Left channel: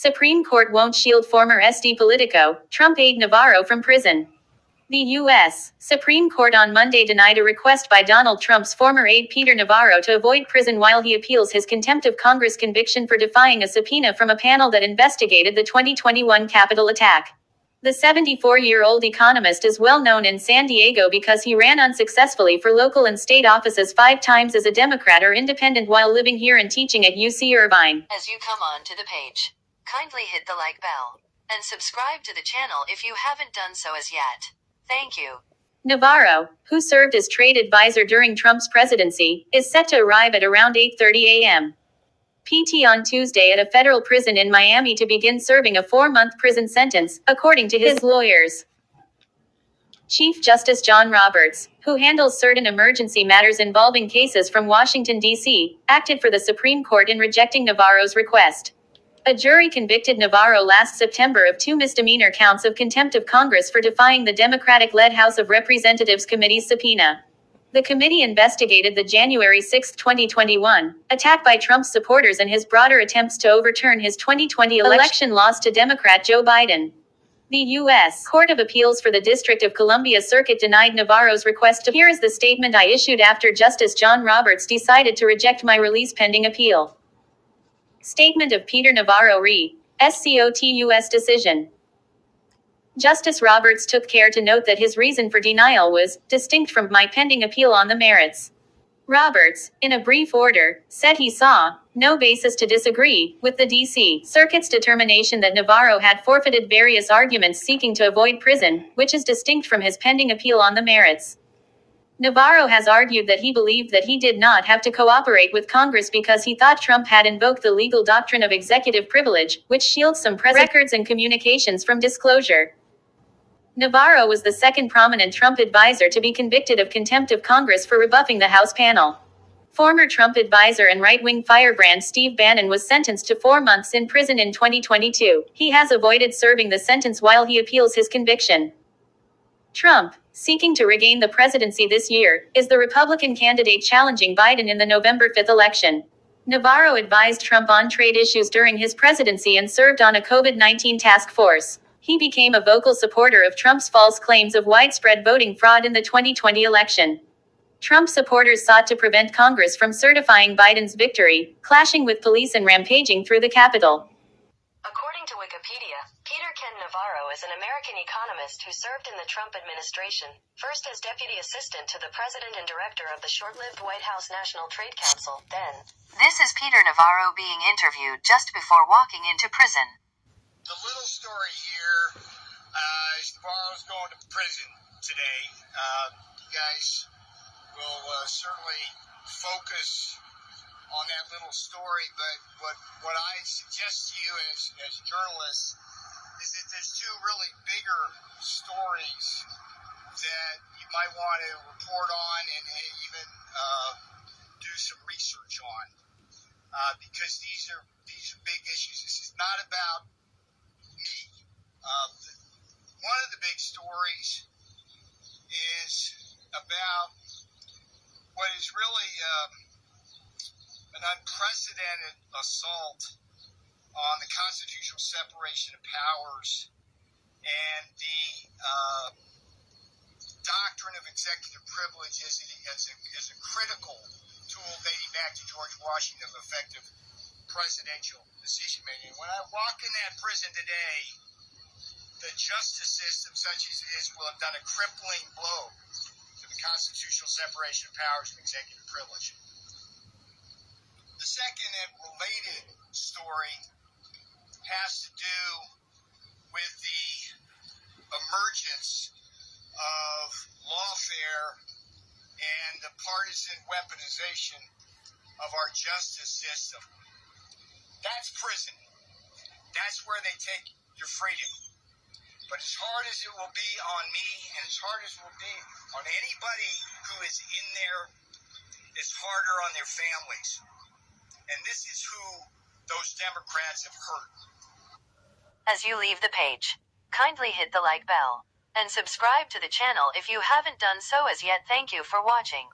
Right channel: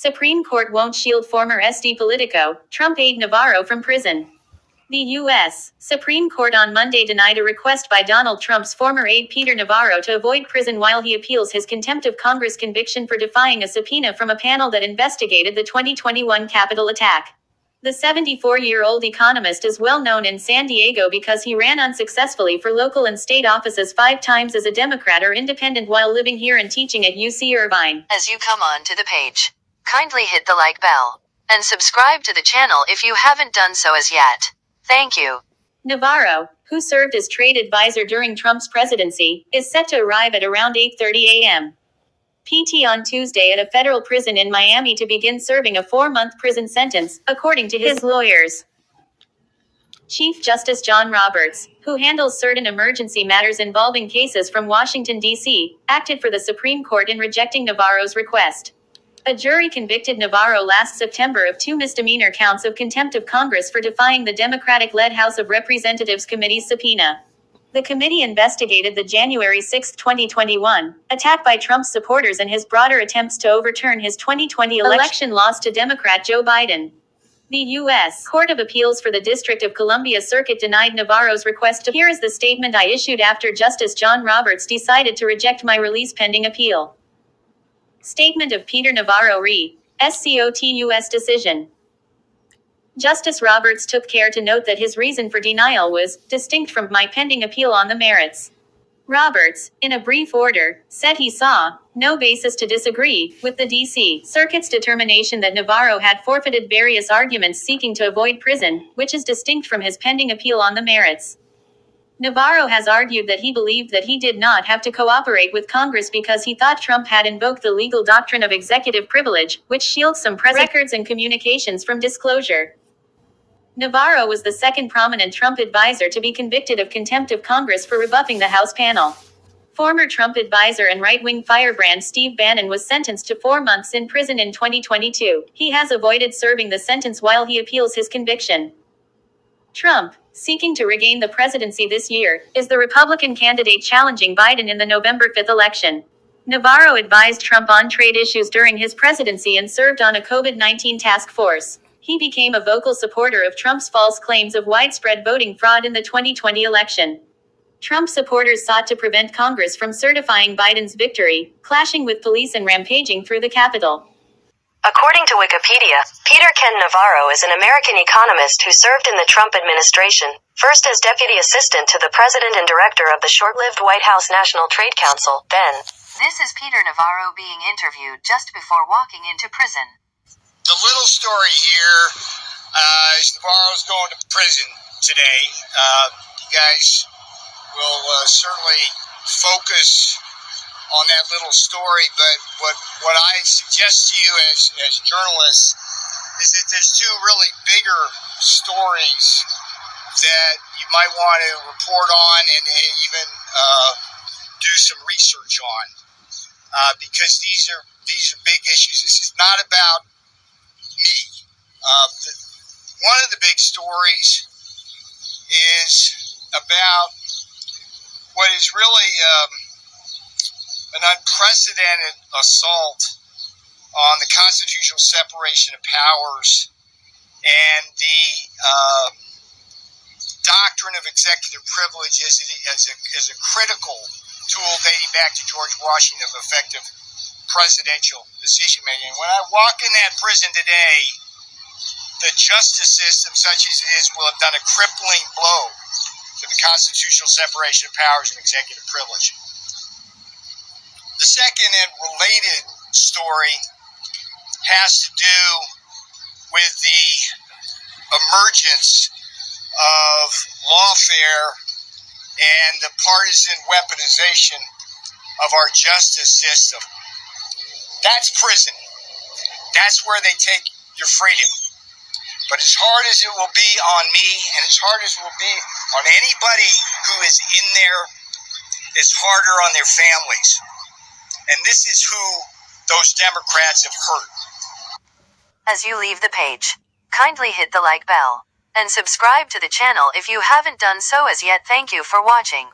Supreme Court won't shield former SD Politico, Trump aide Navarro from prison. The U.S. Supreme Court on Monday denied a request by Donald Trump's former aide Peter Navarro to avoid prison while he appeals his contempt of Congress conviction for defying a subpoena from a panel that investigated the 2021 Capitol attack. The 74-year-old economist is well known in San Diego because he ran unsuccessfully for local and state offices 5 times as a Democrat or independent while living here and teaching at UC Irvine. As you come on to the page, kindly hit the like bell and subscribe to the channel if you haven't done so as yet. Thank you. Navarro, who served as trade advisor during Trump's presidency, is set to arrive at around 8:30 a.m. PT on Tuesday at a federal prison in Miami to begin serving a 4-month prison sentence, according to his lawyers. Chief Justice John Roberts, who handles certain emergency matters involving cases from Washington, D.C., acted for the Supreme Court in rejecting Navarro's request. A jury convicted Navarro last September of 2 misdemeanor counts of contempt of Congress for defying the Democratic-led House of Representatives committee's subpoena. The committee investigated the January 6, 2021, attack by Trump's supporters and his broader attempts to overturn his 2020 election loss to Democrat Joe Biden. The U.S. Court of Appeals for the District of Columbia Circuit denied Navarro's request to. Here is the statement I issued after Justice John Roberts decided to reject my release pending appeal. Statement of Peter Navarro re. SCOTUS decision. Justice Roberts took care to note that his reason for denial was distinct from my pending appeal on the merits. Roberts, in a brief order, said he saw no basis to disagree with the D.C. Circuit's determination that Navarro had forfeited various arguments seeking to avoid prison, which is distinct from his pending appeal on the merits. Navarro has argued that he believed that he did not have to cooperate with Congress because he thought Trump had invoked the legal doctrine of executive privilege, which shields some records and communications from disclosure. Navarro was the second prominent Trump advisor to be convicted of contempt of Congress for rebuffing the House panel. Former Trump advisor and right-wing firebrand Steve Bannon was sentenced to 4 months in prison in 2022. He has avoided serving the sentence while he appeals his conviction. Trump, seeking to regain the presidency this year, is the Republican candidate challenging Biden in the November 5 election. Navarro advised Trump on trade issues during his presidency and served on a COVID-19 task force. He became a vocal supporter of Trump's false claims of widespread voting fraud in the 2020 election. Trump supporters sought to prevent Congress from certifying Biden's victory, clashing with police and rampaging through the Capitol. According to Wikipedia, Peter Ken Navarro is an American economist who served in the Trump administration, first as deputy assistant to the president and director of the short-lived White House National Trade Council, then. This is Peter Navarro being interviewed just before walking into prison. The little story here is Navarro's going to prison today. You guys will certainly focus on that little story, but what I suggest to you as journalists is that there's 2 really bigger stories that you might want to report on and even do some research on, because these are big issues. This is not about me. One of the big stories is about what is really an unprecedented assault on the constitutional separation of powers and the doctrine of executive privilege as a critical tool dating back to George Washington of effective presidential decision making. When I walk in that prison today, the justice system, such as it is, will have done a crippling blow to the constitutional separation of powers and executive privilege. The second and related story has to do with the emergence of lawfare and the partisan weaponization of our justice system. That's prison. That's where they take your freedom. But as hard as it will be on me, and as hard as it will be on anybody who is in there, it's harder on their families. And this is who those Democrats have hurt. As you leave the page, kindly hit the like bell and subscribe to the channel if you haven't done so as yet. Thank you for watching.